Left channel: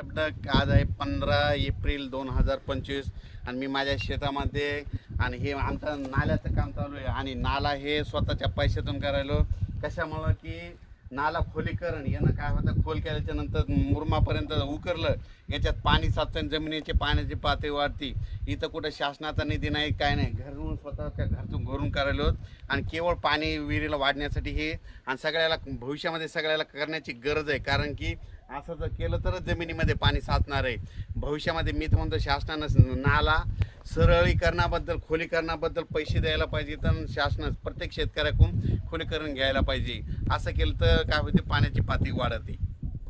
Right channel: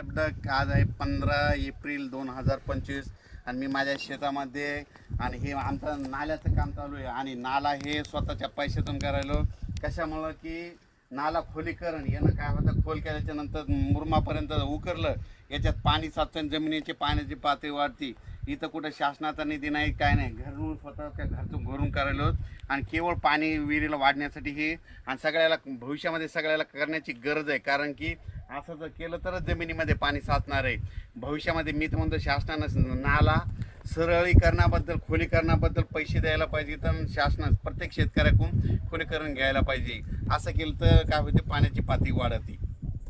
आज आहे 15 एप्रिल 2025 आणि मी माझ्या शेतामध्ये आणि हे आमचं नाल्याचं काम चालू आहे आणि नाला हे स्वतःच्या पैशातून करायलो. कशामुळं की नाला खोलीकरण यानं काय होतं, खोल केल्याच्या नंतर मुरमापर्यंत उकरलं, याच्यात पाणी साचतं, जमिनीची पाण्याची पातळी वाढती. इथं कुठं शासनाचा निधी नाही, काय नाही, घरून स्वतःच्या घरतून घरून करायलो आणि केवळ पाणी विहिरीला वाढण्यासाठी हे. आणि सगळ्याला भविष्यामध्ये सगळ्याला करण्याची गरज आहे, कारण की असं जर केलं तरच जमिनीमध्ये पाणी साचणार आहे भविष्यामध्ये. मी तर म्हणतो शासनानं नाला सरळीकरणाबद्दल खोलीकरणाबद्दल पैसे द्यायला पाहिजे, तर शासनानं प्रत्येक शेतकऱ्याकडून खोलीकरण घ्यायला पाहिजे. असं केलं तर काय होते, पाण्याची पातळी वाढते.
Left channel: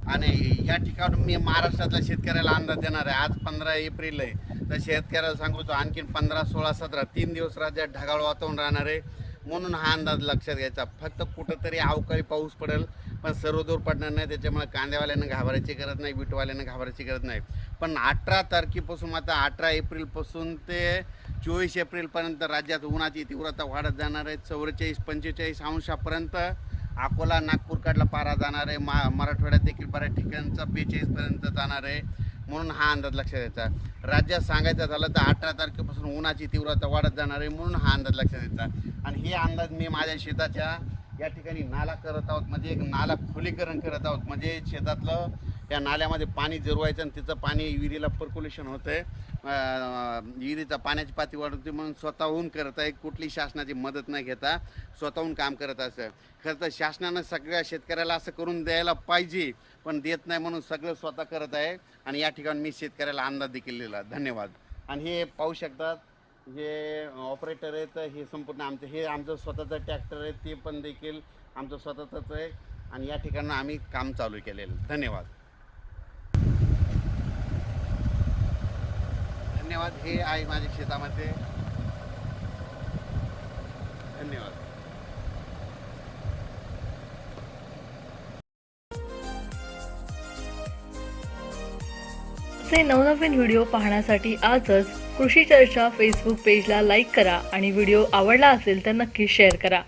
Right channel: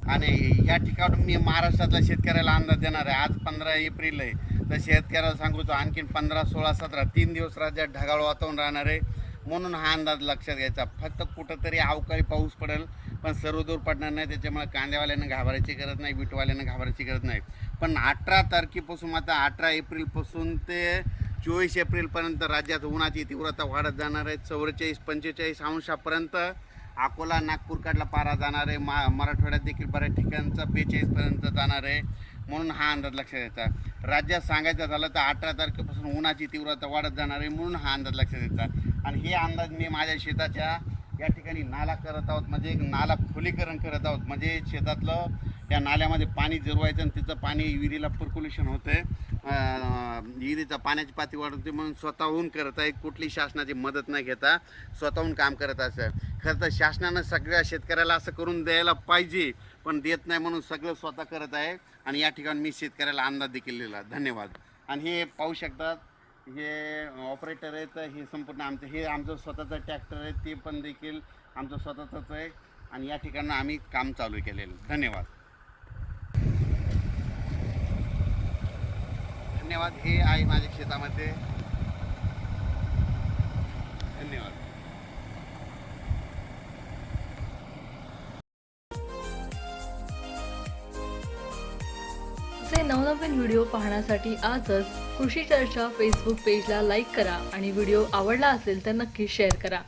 आणि या ठिकाणून मी महाराष्ट्रातल्या शेतकऱ्याला अंदाज देणार आहे. आज 15 एप्रिल आहे, तर शेतकऱ्याला सांगतो आणखीन 15, 16, 17 3 दिवस राज्यात ढगाळ वातावरण राहणार आहे. म्हणून हा अंदाज लक्षात घ्यायचा. फक्त कुठंतरी अवकाळी पाऊस पडेल, पण सर्वदूर पडणार नाही. त्याच्यामुळे कांद्यावाल्यानं घाबरायची गरज नाही, बीटवाल्यानं घाबरायची गरज नाही. पण 18 तारखेपासून, आता 18 एप्रिलपासून ते 24 एप्रिलपर्यंत राज्यात उन्हाची तीव्रता वाढत जाणार आहे. 44-45 अंशापर्यंत अकोला नागपूरकडला पारा जाणार आहे. मराठवाड्यात देखील बऱ्याच ठिकाणचा 42पर्यंत जाणार आहे. म्हणून हा अंदाज लक्षात द्यायचा. राज्यात सांगायचं झालं तर 18 तारखेपासून उन्हाची तीव्रता वाढत जाणार आहे, म्हणून हा अंदाज लक्षात द्यायचा. आणि हे अंदाज मी माझ्या शेताच्या या ठिकाणी नाला करत आहोत, म्हणजे एक नाला खोलीकरण करत आहोत. म्हणजे शेतातलं त्या नाल्यामध्ये पाणी जिरवायचं आणि तिचं पाणी विहिरीला पर्क्युलेशन होतं आहे, विहिरीचा पाण्याची पातळी वाढवते. म्हणून स्वतःहून करत आहे, कुठली शासनाची मदत नाही घेता स्वतःहून काम करत असं. खरं तर शासनानं सगळ्या शेतकऱ्याला असं करून द्यायला पाहिजे, पण देत नाही, म्हणून सगळं स्वतः करत आहे. आणि या ठिकाणी मी शेतकऱ्याला अंदाज देखील दिला. धन्यवाद. आणि हे पाहू शकतात, हे ऑपरेटर आहेत, हे संपूर्ण आमचं स्वतःचं ट्रॅक्टर आहे, ते पण देखील आमचं स्वतःचंच आहे. आणि या ठिकाणी आम्ही काम चालू केलेलं. धन्यवाद. धन्यवाद. हे आहे माझ्या शेतामध्ये. धन्यवाद. असे नवनवीन व्हिडिओ पाहण्यासाठी आजच कृषी चर्चा फेसबुक पेजला लाईक करा आणि व्हिडिओ आवडला असेल तर नक्की शेअर करा.